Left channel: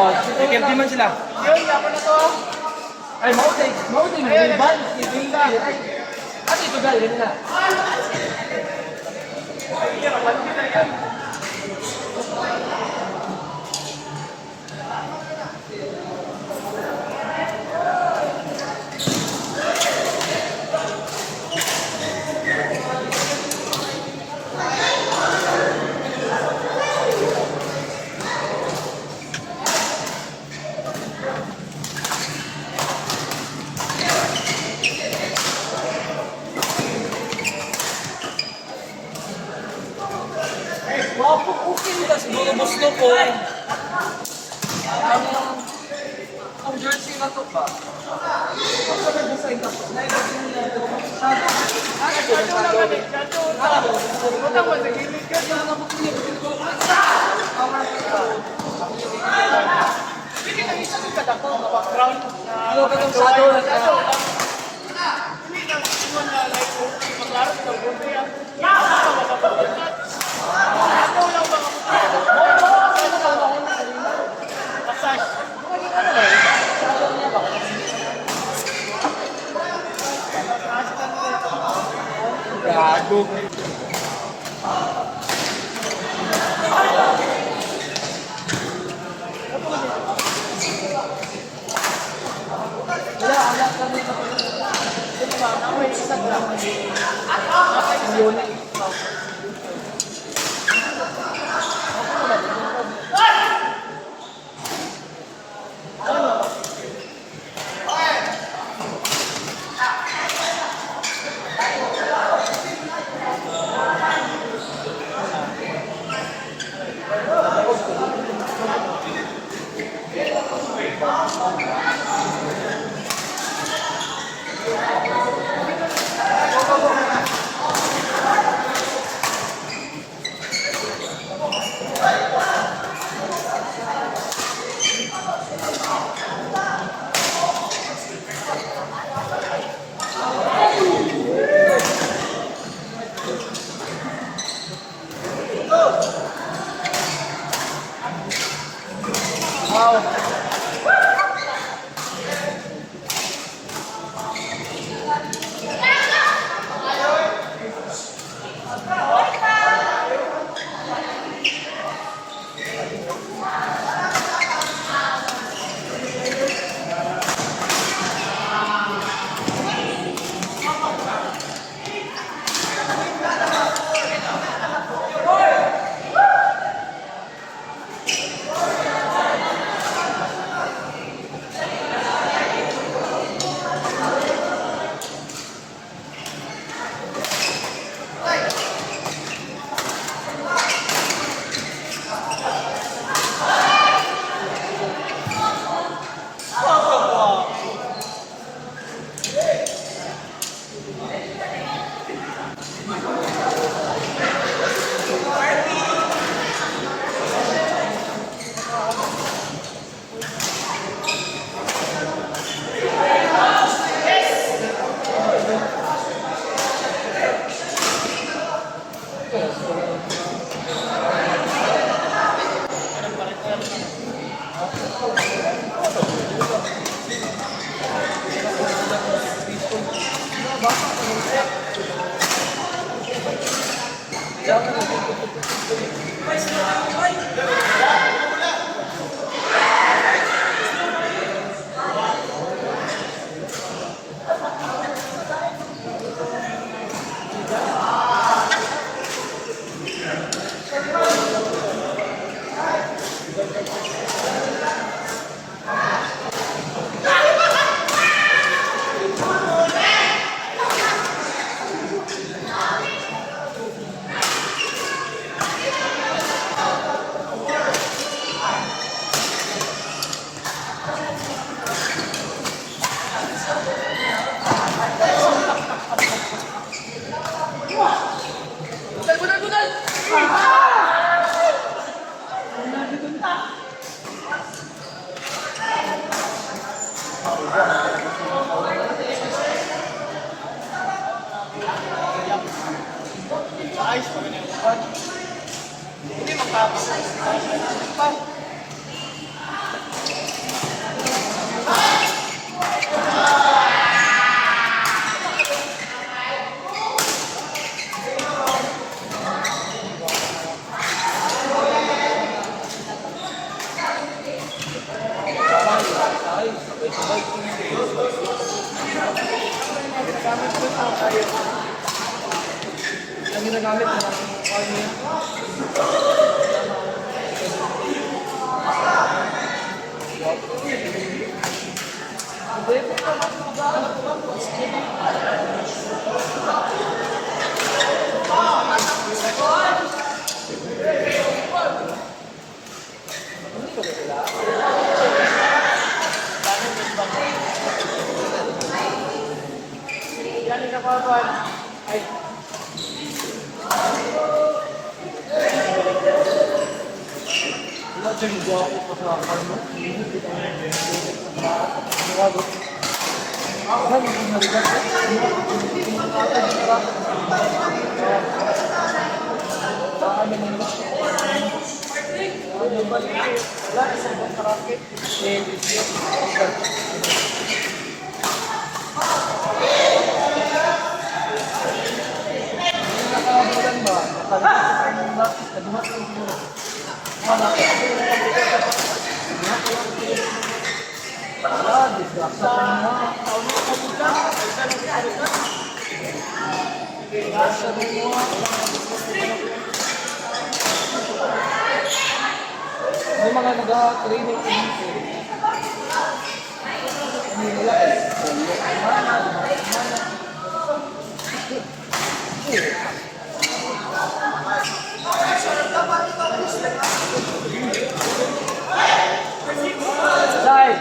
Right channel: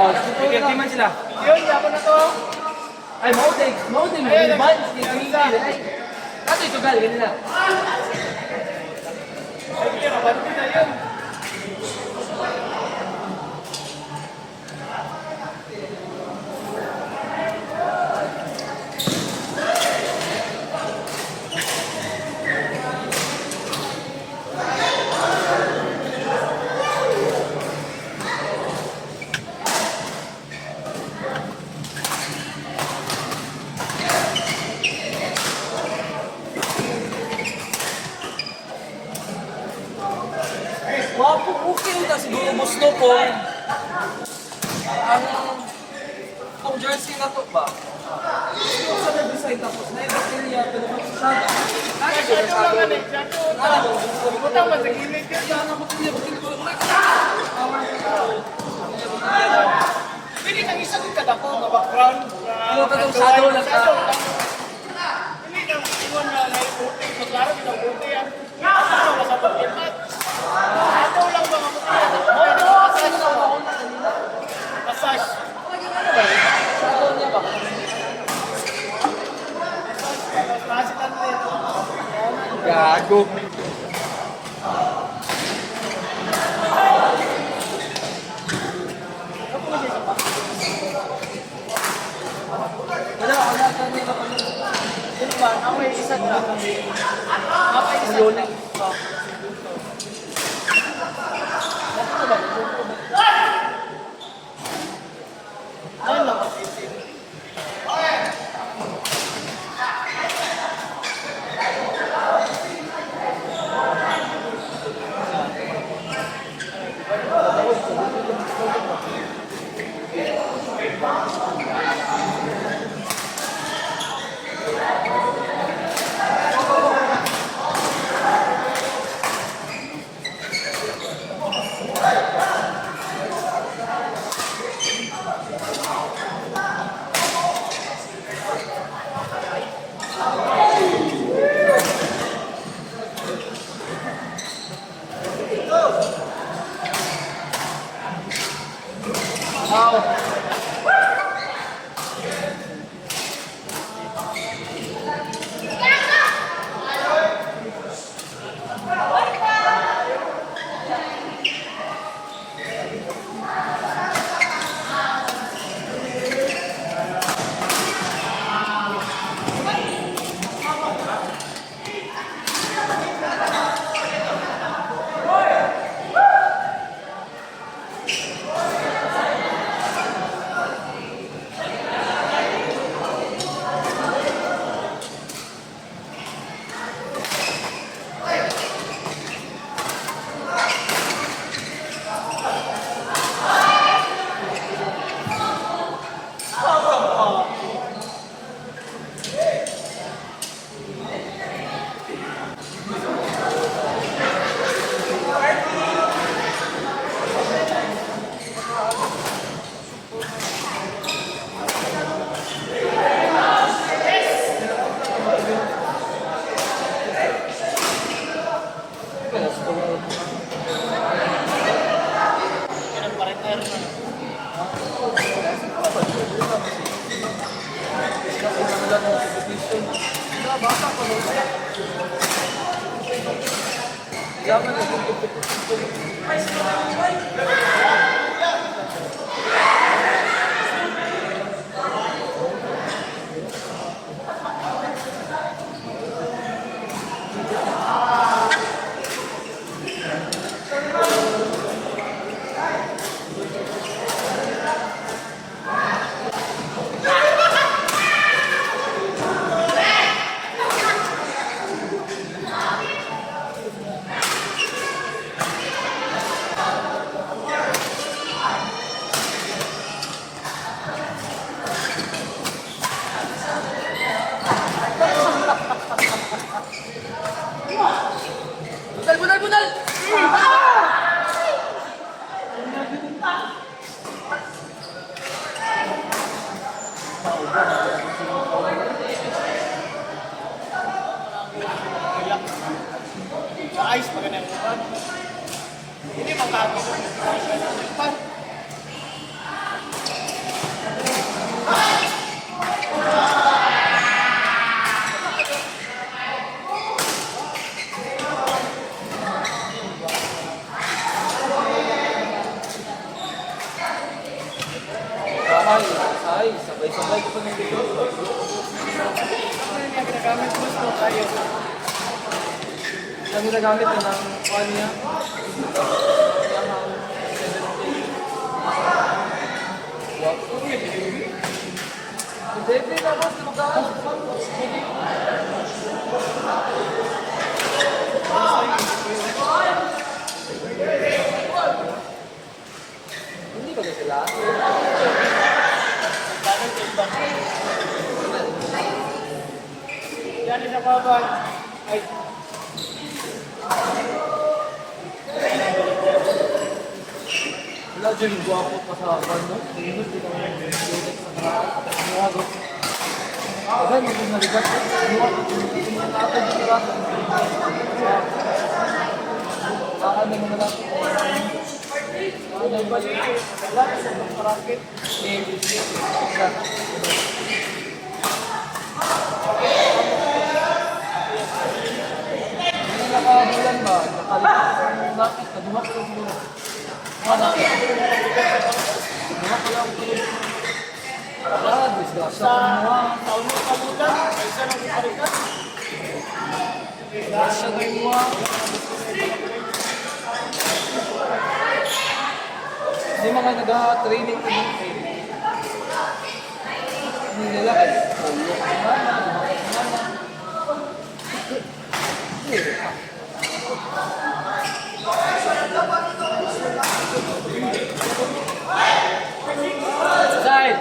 Oh, security man sila. Yun, dapat na to. Ay, mauting mo yung ban. Ato ito gali, ganun na. Wapo, okay rin tas gulubos no po. Ang jersey na to ba? Kasi sa na-design tapos na iba din niya. Utang mo sa gilid ka. Pili nang isa doon kada po, background. Ano to itong shadow na to? Pili nang isa na maglaro kita. Gago. Ayos pa ganun. Hindi magtapos. Yung ginagamit na ng ano yan? Hindi, hindi naman. Hindi ka ba sila? Yan na ba? Ay. Wala dyan yung joke ko sa ano. Hindi ka naman. Ayan, hindi naligat. Saka may nila. Ano yung balik? Wala, isang bracket. Nakabulan ba? Nadimak ko muna. Ah, disgrasya ko mo. Disgrasya din mo. May mga nag-training ko dito. Hindi nila eh. Side!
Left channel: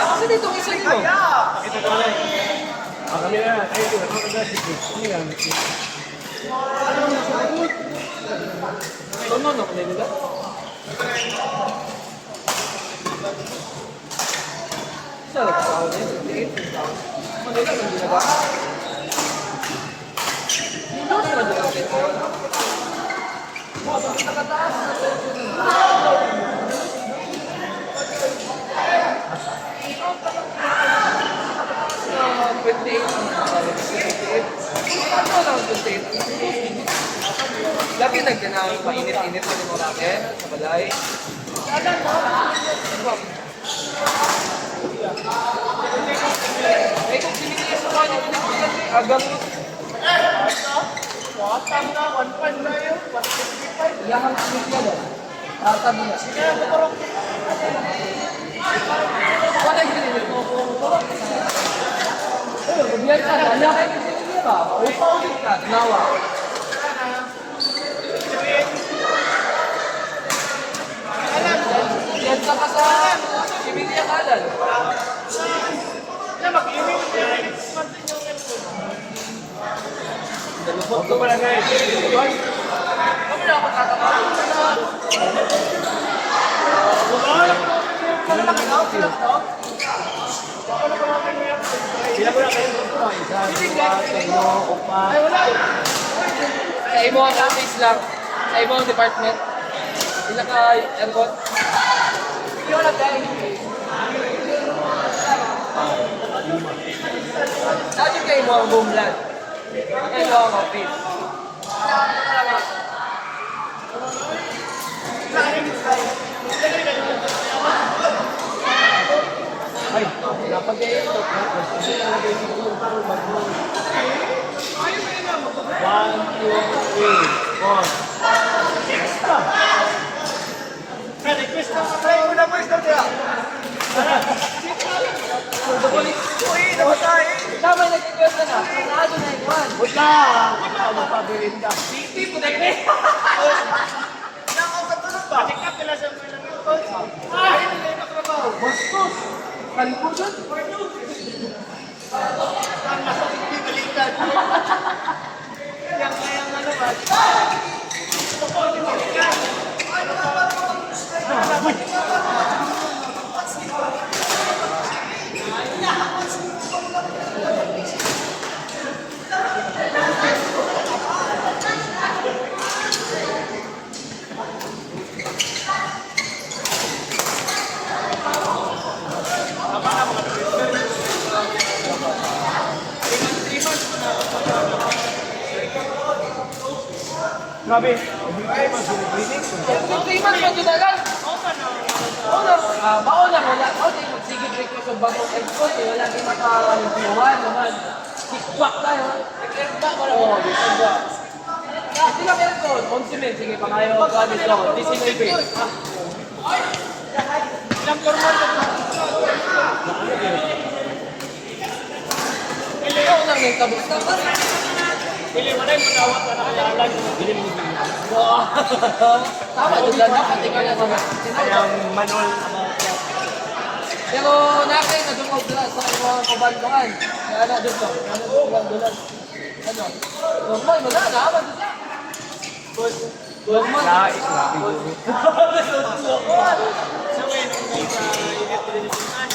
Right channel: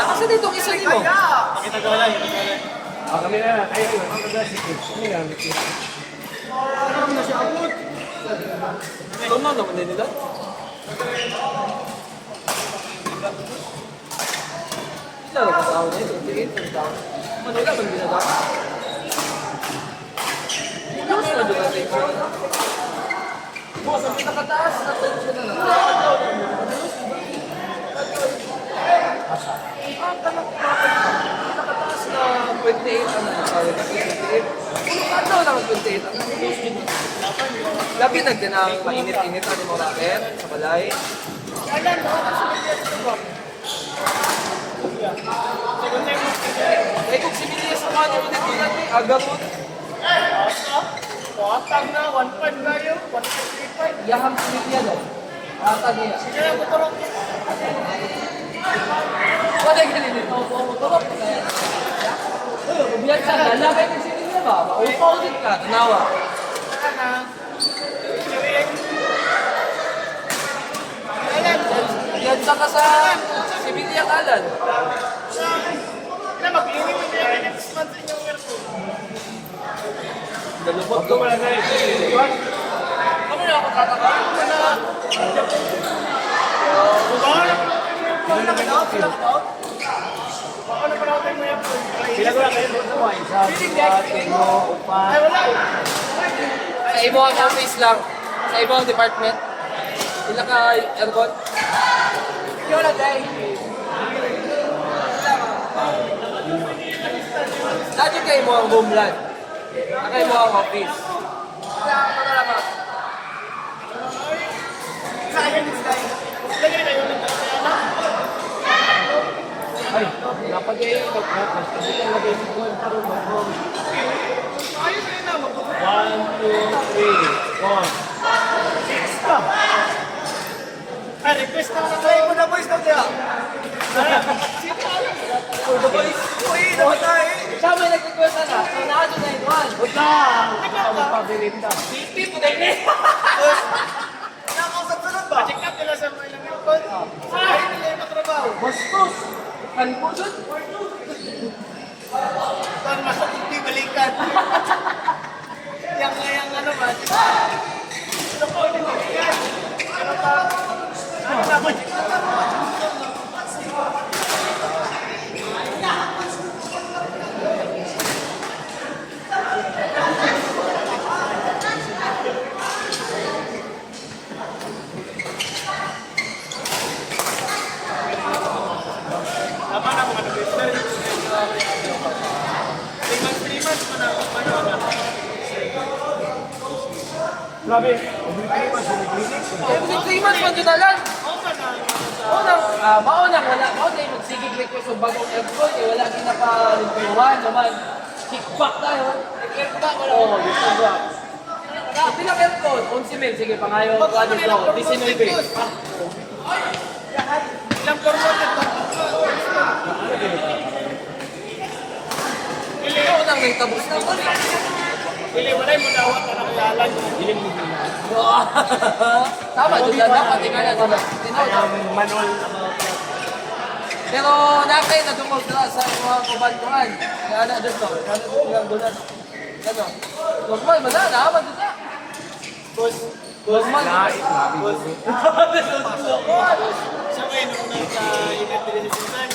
Kasi dito ang isa mo. Kita ko lang. Okay na, ay, ako na si Chris. Ano yan? Ano na pala nila? Ito, kasama nito. Ano lang ang ginagawa? Ano sa nagawa nito? Sa pinakataas na tension na. Sa 28 ang sabi kasi 28. Ano lang ang 28? Labi nagdanang mainit-init sa mga raket, sa balay. May kung sinili sa mga nililikunan eh, agad mo. Batang na, 1.5 na yun. 1.55. Yahang sinili yan eh. Arta nila. Kaya mo parang Ano yung ganyan? Biyan sa dalawa kayo kasi nila ba? Paulit ka, tinawa. Biyan sa kasalan. Sibili ang alan. na mag-iwi mo niya. Tapos natin yung aircon. Dalubog Ako pala na yun. Kami na ako tatanong. Sino na kayo sila? Sila ko na kayo dito. Isa, dua, teno, upa. Ay, wala. Sa ibang office lang. Sa ibang department. Sila ka aircon. Yun na tayo. Dati kayo mo ang homeland. Kayo mo ang office. Ay, napag-iikot na. Kasi lang lagay ni Gold karoon mo. 1, 2, 3, 4. 6 pa. Ay, request na. Try mo na boys na siya. Uy, namatay! Tama, nagkikwenta na. Pinado na yung one. Utang! Ikaw magpabilin ka. 50 po na yun. Check up nila sa mga aircon. Ay, hindi na trabaho. Bastos! Kanpusan? Ang nasa TV balikan. Yang ano ba? Grabe, every 3 months yung clinic. Every 3 months man na lang. Mauna, wala. Okay, sige, request of bagong airport, eh, wala din nakalimuan naman. Kickback tayo. Kickback ko lang. Oo, kickback. Hindi lang airport, 11 mil, sige, pangayo ko ano ito, 19 mil. Ilang formal na ba? Ikaw na may tabos na ito. Pili mo na yung madawa para kayalan. Biling mo din na. Tama, doon lang, dapat tingnan na doon. I am manual about that. Pero nakay na doon sa mga kumantuan. Kaya na doon to. Ano doon lang. Ano? Normal, madala, naman doon na. Lahat, grabe yun. So, ngayon, kung nasa init-initinan,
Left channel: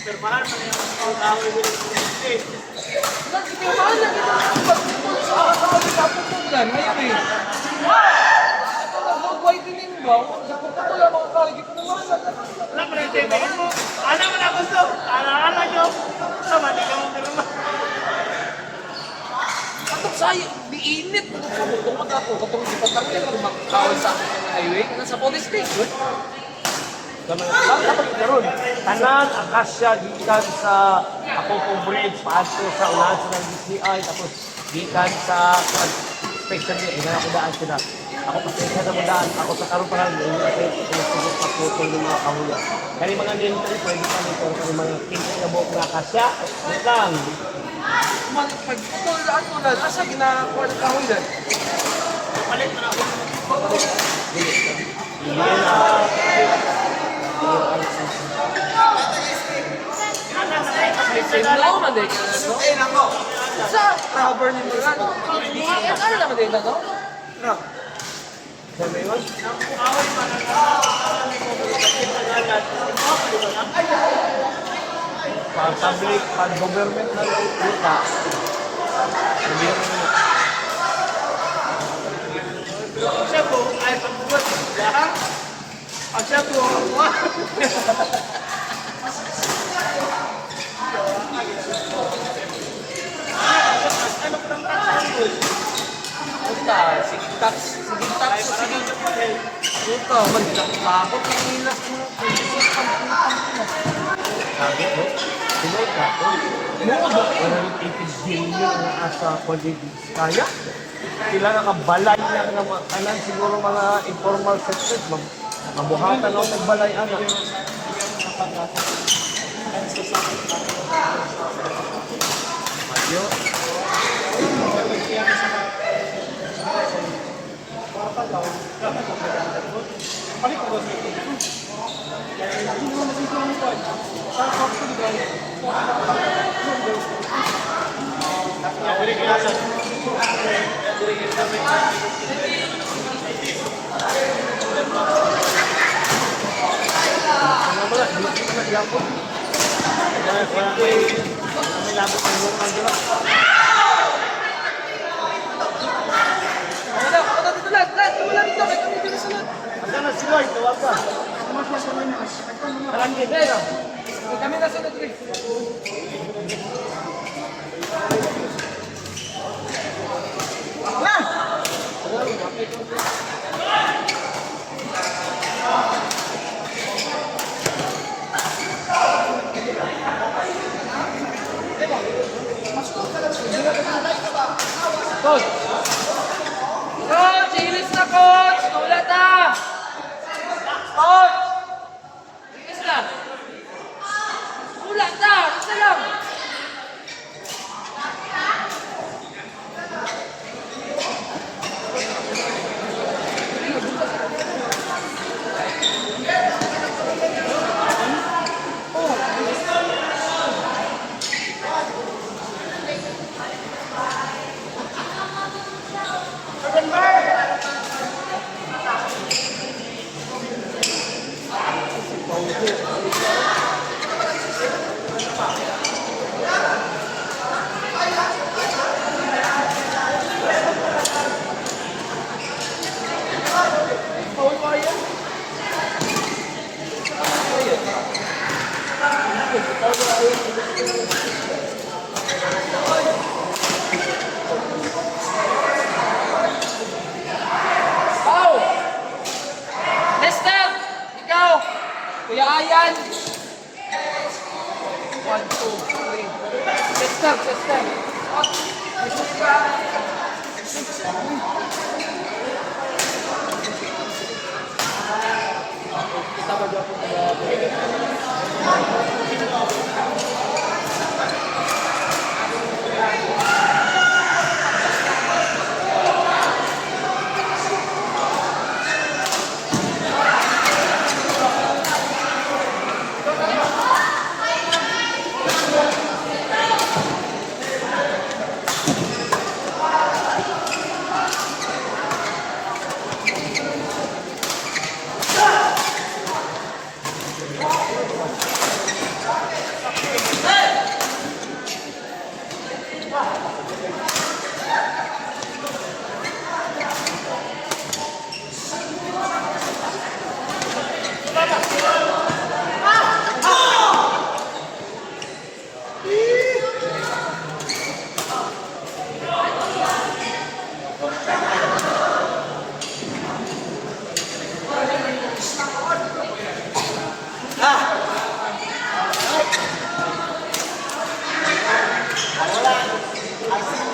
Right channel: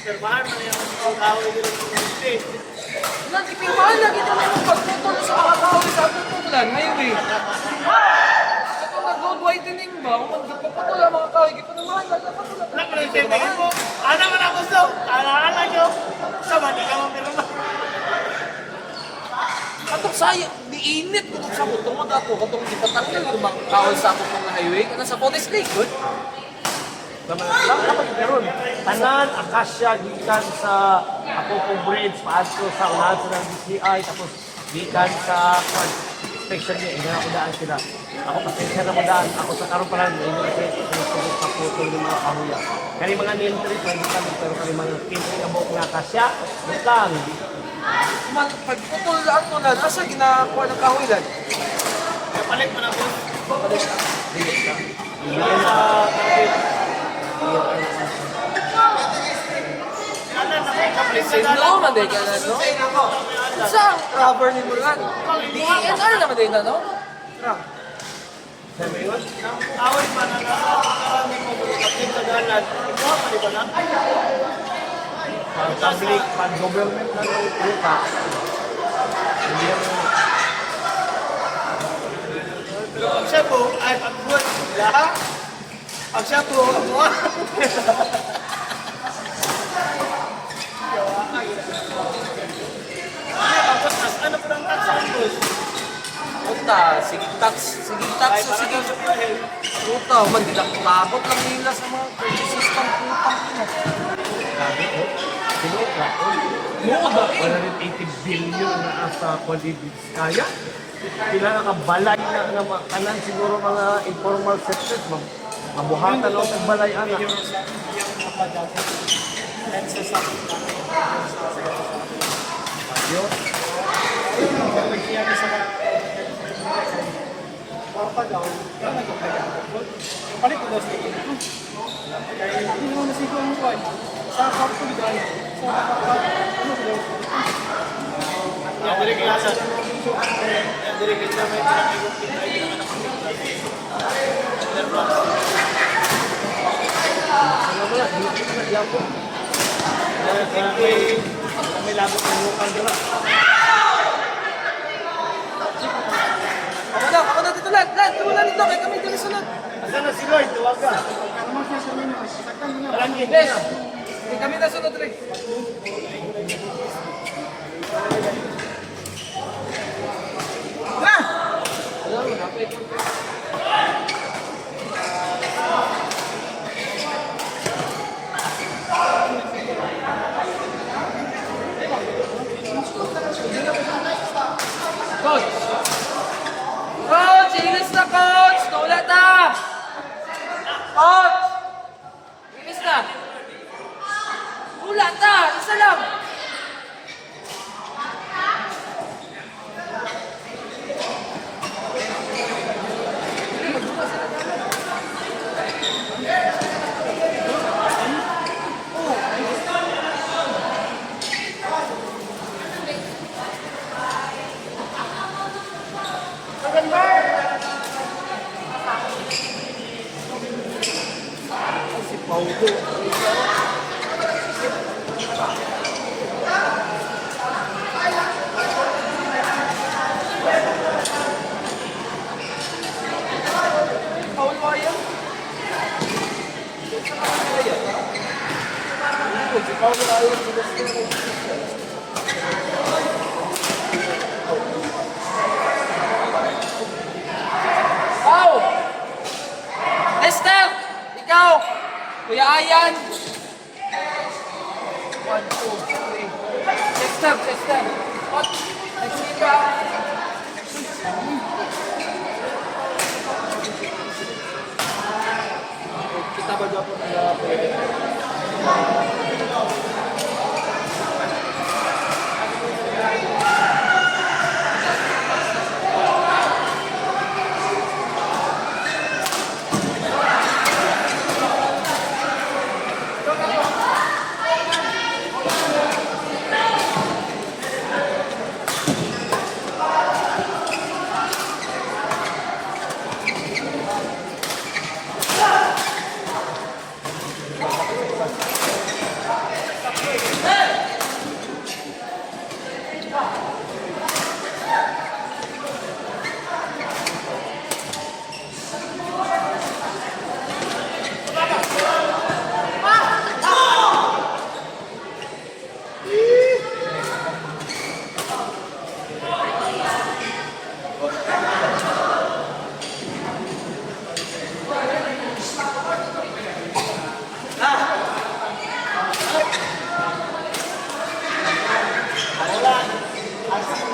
permahan mo yung tao yung init. Nagpipintuan na kita pagpupulong sa kakawin sa pupulan. Maybe. Ang whitening ba? Nagpapatulan ang mga kawin. Gipunuhan na. Alam mo na yung sabihin mo, ano ka na gusto? Ala-ala nyo. Sama, di ka mapirma. Sayang, diinit. Sa butong mga ako. Katong ipatakil ko makakawin sa akong mga highway. Nasa Forest Lake. Dapat karon tanan akasya gikan sa Apopong Bridge paadto sa unahan sa ng DCI tapos gikan sa station niya ina ako daan sila. Ako pasensya na madaan ako sa karon pa lang hindi kasi sumusugot sa putol ng mga kahula. Kani mga entry pwede kami pero kani mga 15 na buok na akasya lang. Ito lang ito na. Nasa ginakuha ng kawilan. Palit mo na ako. Dili na. Dili na. Sino man din ka na ito? Sa rubber ni Mulan. DNR naman din na ito? Sabi yun? Awal pa na para may kumulikatin tagalan. Di ba na? Pag public, pag government na luta, hindi naman Pag siya po, ay pagbuhat. Lahat. Pag siya po, ano pa ang taxi? Puta, sige tax sa sige. Puta, magkakabot lang nilas mo. System puta mo. sabi ko. Sino ka? Mo ba 180 billion na asa colleagues kaya? Sila nakabalay na mga kanan siguro mga informal sectors. Mabuhatan ang nagbalay anak. Ayun. Yan, dili kinasan. Yan, dili kinasan. Ano ba? Dito na naglapo. May labot ng lokal, di ba? Ako na dito lahat. Wala dito. Kaya kami dito sunod. Asan na si Lord? Tawagan. Parang ganda na. Kami na sunod rin. Coach, ilis na coach! Tulat na! Coach! Ilis na! Tulat na! Isa lang! Kuya Ayan. 1, 2, 3. Chest up, chest up. Up. Kita ba dyan?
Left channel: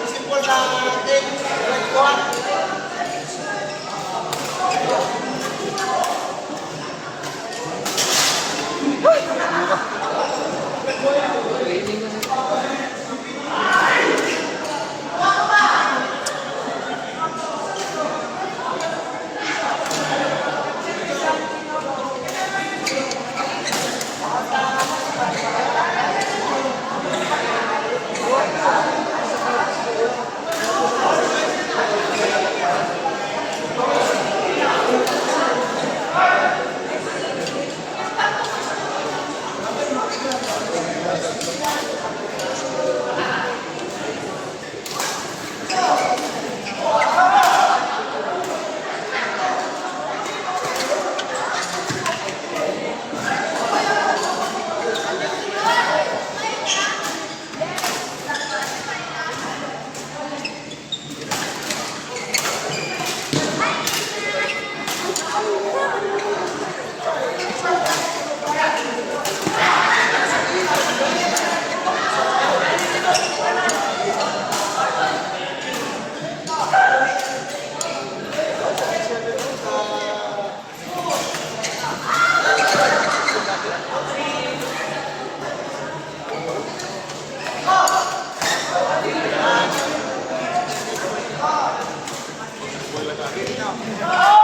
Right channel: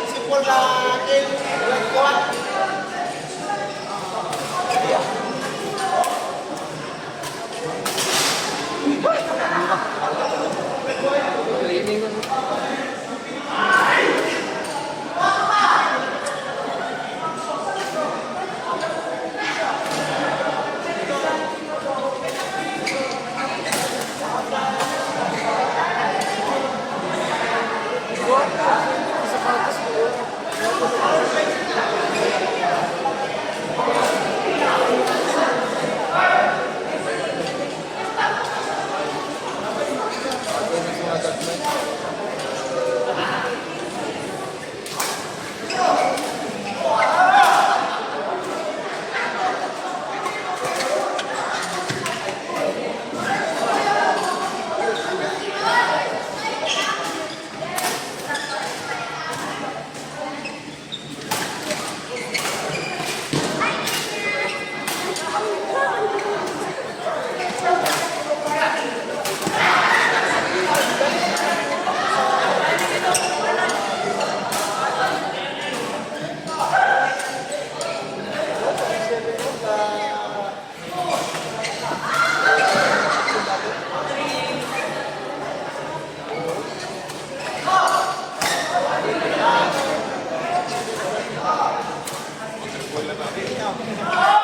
Simple na atin. Nagkuha. Training na. Oh!